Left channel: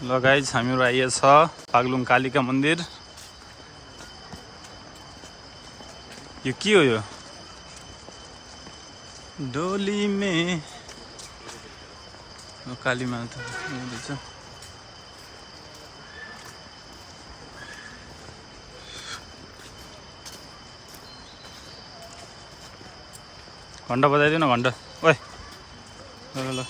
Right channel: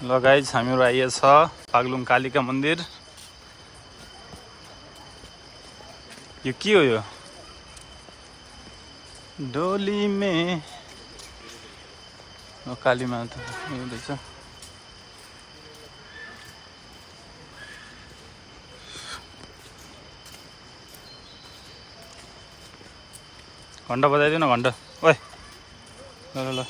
ल गाइज हामीहरू आइएछ बागलुङ कालिका मन्दिर। यो के हो? यो डोली मे काली माता हुँदैछ। घन्टा बजाइदिनु घन्टा। ओए ल ल ल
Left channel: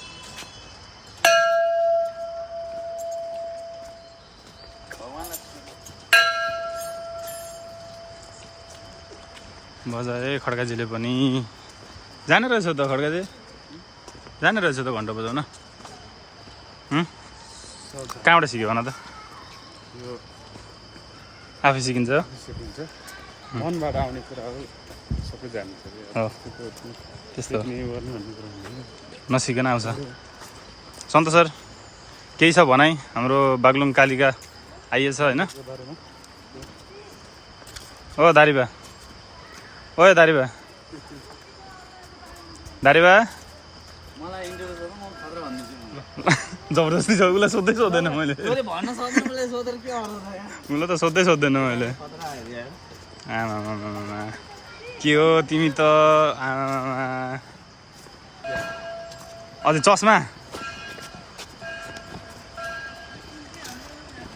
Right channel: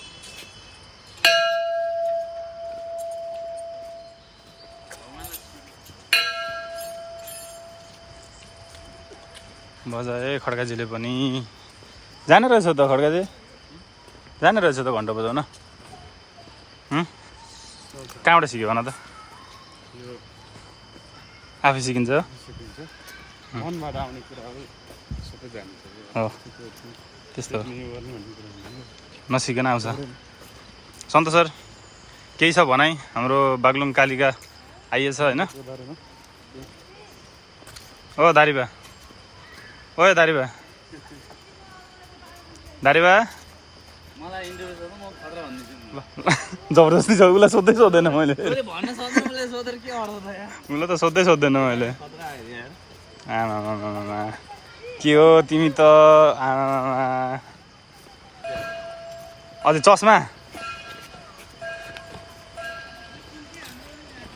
बजाए खड्काजीले पनि। जाने रहेछ त खड्काजी, जाने रहेछ त घन्टा बजाउन। कहाँबाट सिक्यो भन त? आफै सिकिन्छ मनबाट आउने कुराहरू सबै जान्छ। हो त्यस्तो नसिकन आउँछ। सन्तोष सर केही छ भनाइ? हाम्रो बागलुङ कालिका आइएछ होइन? ओ दारिबा, ओए दारिबा, दारिबा मलाई इन्टरभ्यु गर्नु म खतरा भन्दिन्छु। जबरजस्ती छ उसलाई सोध्दै सोध्दैन मैले। मैले भन्न सक्दिनँ, मैले सोधेर के अर्थ छ यार? उसलाई त सोध्दै सोध्दैन मैले। खतरा आयो यार। आमामामामा के हो तिमी त? आमामामा अझै चस्मा।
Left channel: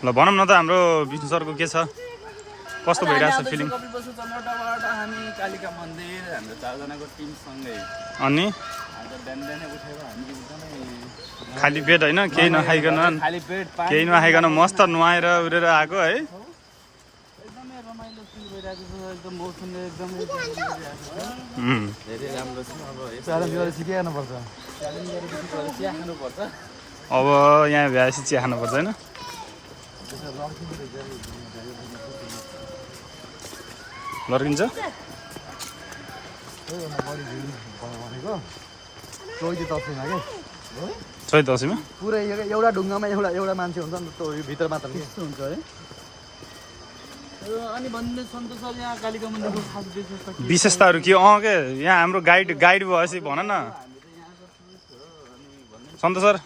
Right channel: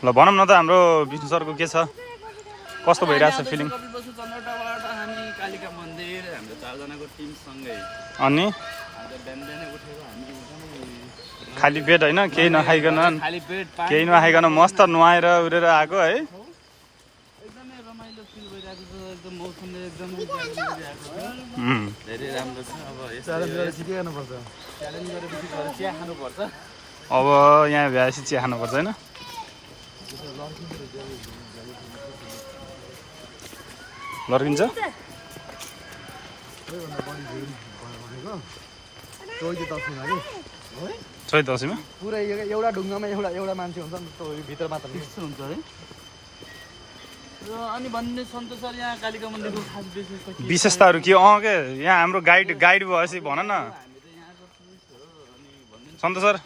ल भनौँ न त हाम्रो विष्णु सरको के छ, कस्तो भइरहेछ फिलिङ? कपिलवस्तु चन्द्रटाबाट हामी कालिका मन्दिर हाम्रो 4 जनाको टिम सँगै। अनि आज बिहान बिहानै उठेर हामी एकदमै खाली पेट होइन, केही नखाइकन, खाली पेट पानी केही नखाइकन मस्त नुहाएर उडेर आएको है। एकदमै रमाइलो फिल भइरहेको छ। एकदम मौसमले एकदमै गरिरहेको छ। धेरै राम्रो छ। अब च्यालेन्ज गरेर सिकाउनुपर्छ। च्यालेन्ज गरेपछि गएर चिया खानुपर्छ। अब यहाँ भ्याएपछि चिया खानुपर्छ होइन? लड्किन्छ चैत दसैँमा पुरै एउटा ढुङ्गामा एउटा मान्छे हुन्छ नि त, भित्र मात्र त्यस्तो हुन्छ है। अनि भन्ने सन्तोष सर यहाँ कालिका मन्दिरको खास विशेषता के? विशेषताहरू के? के यहाँ हाम्रो गाइड भएपछि भन न सन्तोष सर।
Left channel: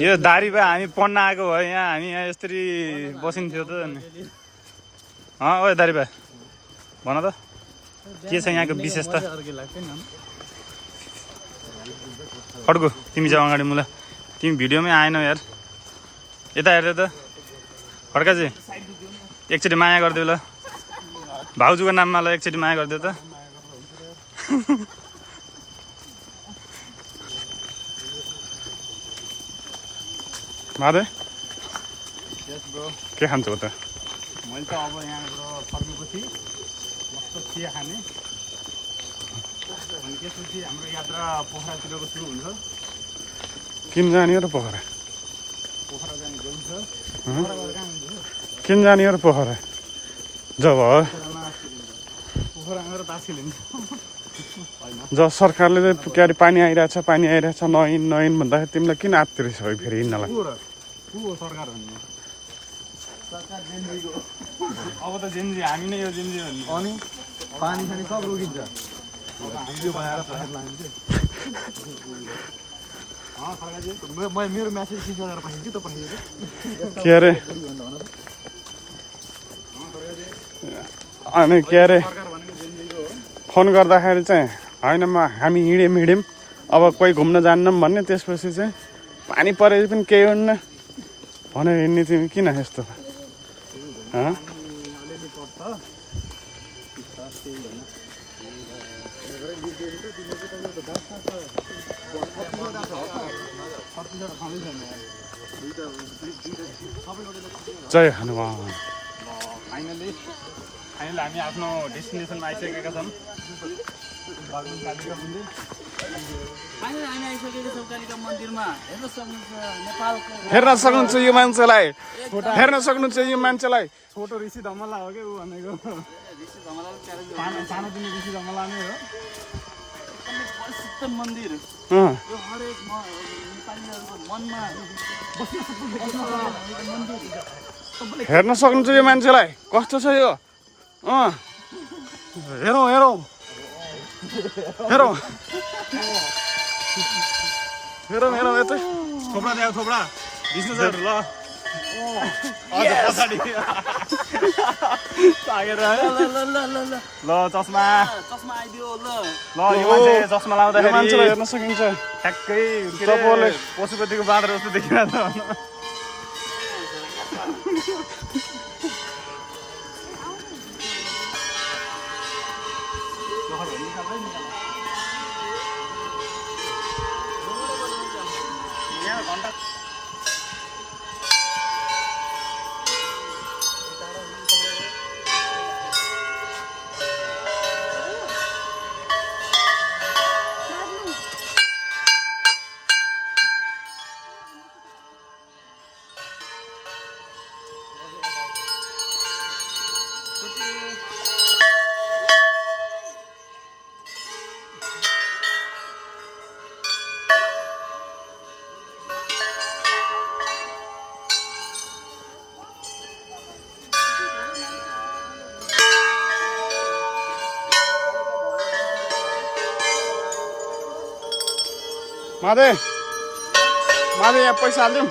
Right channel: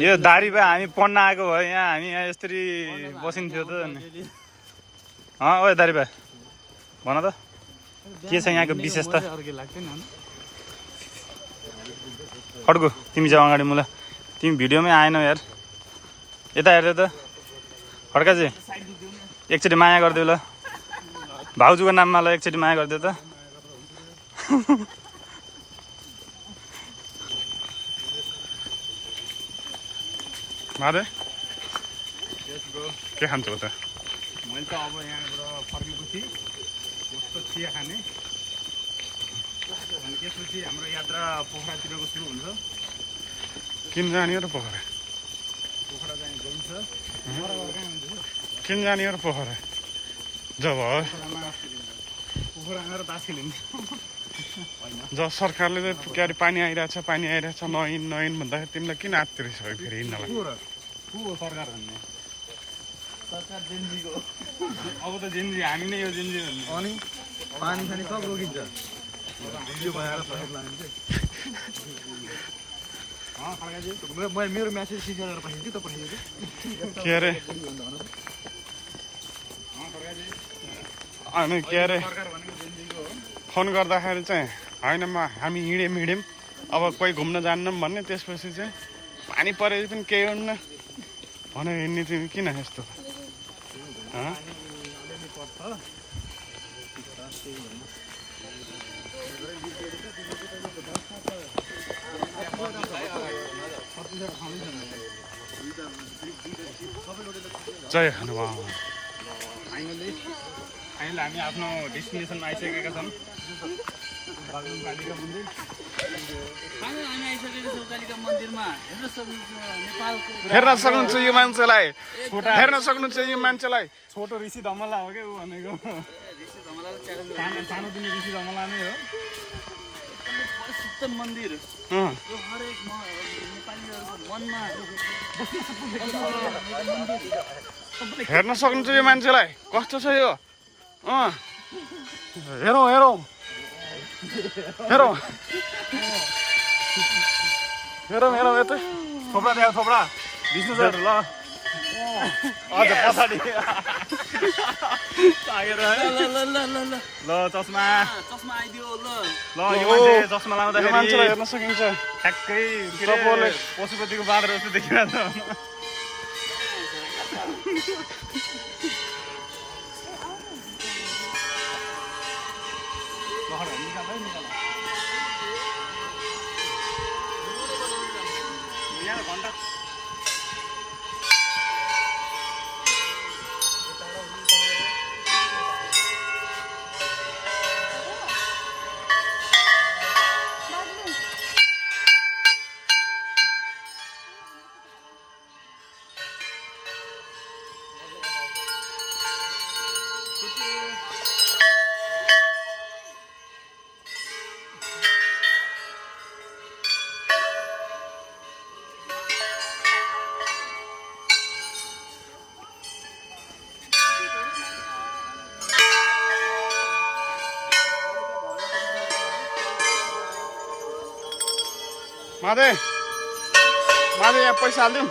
यो दारी भए हामी पढ्न आएको भए यहाँ हामी यहाँ यसरी बसिन्थ्यो त नि। ओए दारी भए भन त के छ यहाँको विशेषता? खड्गु तिमी चाहिँ अगाडि मुला, तिमी भिडियोमै आएनौ यार। यता हेर्दै त खड्काजी एकचोटि माया गरिदेऊ ल, भाउजूको नाममा ल एकचोटि माया गरिदेऊ त। माधे के खान्छौ त? मैले त अब यहाँबाट फर्केपछि मस्त चिया खाने, अनि त्यसपछि हाम्रो यात्रा पोखरातिरको सुरु हुन्छ। किन जाने हो र पोखरा? पोखरा जाने गइन्छ। पोखरा गएर कहाँ हुन्छ? किन जाने हो र पोखरा? जब पोखरा गएर तास खेलिन्छ। जब सरकारले के अरे पानी आइरहेछ नयन भन्दाखेरि तिमीलाई किन आत्तिरिस भयो फेरि हिँड्नलाई? को हो सरकार भन्ने? सरकार जेनजीको। अब त जेनजी हामी नै हो जेनजी भन्ने। अनि पानी खाने सब रोकिन्छ। अब हामीले बनाएर सहर लानु के? खड्काजी म मेरो म्यासेज सिकाएर पठाइदिन्छु त, पठाइदिन्छु के अरे अनि के अरे सरकार भनेको जेनजीको हो। फोन गर्दाखेरि चाहिँ होइन हामी हिँड्यौँ अब कोही घुम्न जान्नौँ भन्ने, त्यसपछि चाहिँ पानी परेपछि पनि केही हुन्न भनेर हिँड्ने चाहिँ किन यस्तो? अलिअलि पर्छ जय हनुमान। फाइनली हामी आफ्नो डेस्टिनेसनमा आइसकेका छौँ, बागलुङ कालिका मन्दिर। फाइनली हामी आइसकेका छौँ कालिका मन्दिरमा। हेर्न सक्नुहुन्छ नेपालको, हेर्न सक्नुहुन्छ यो मान्छेलाई, हेर्न सक्नुहुन्छ यो मान्छेलाई। छोटो ऋषि धमला हो क्या ऊ भनेको। ऋषि धमलाले च्यालेन्ज सानोतिनो ऋषि धमला नै हो। एकदमै प्रसिद्ध मन्दिर यो, हरेक नेपालीहरूको मनमा बस्न सक्ने मन्दिर। हेर्न सक्नुहुन्छ यो मान्छेलाई कस्तो छ यो? हेरौँ हेरौँ हेरौँ मेरो मेरो यतै थोप्रा ल्याऊ थोप्रा 20,000 ल अझ पछाडि ल चस्मा चस्मा आइदियो ल ल यो मान्छे चस्मा यो मान्छेलाई हेर्न सकिन्छ ठ्याक्कै तपाईँले पशुपतिको बाँदर जस्तो देखिन त यहाँ घन्टा माधे माधे यहाँ पैसा हालिदिउँ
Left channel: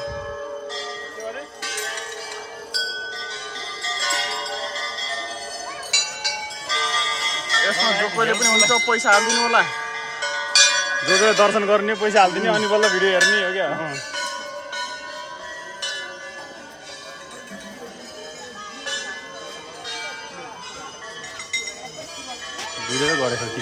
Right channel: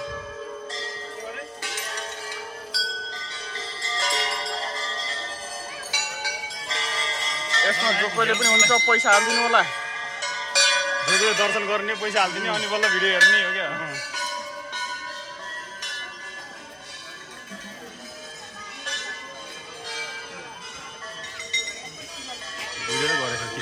यसमा जो कोहीले पनि हुन्छ पैसा हालिदिनु होला जो दर्शन गर्ने पैसा हालिदिने अनि बल्ल भिडियो हेर्ने हो क्या भिडियो गरेछ कि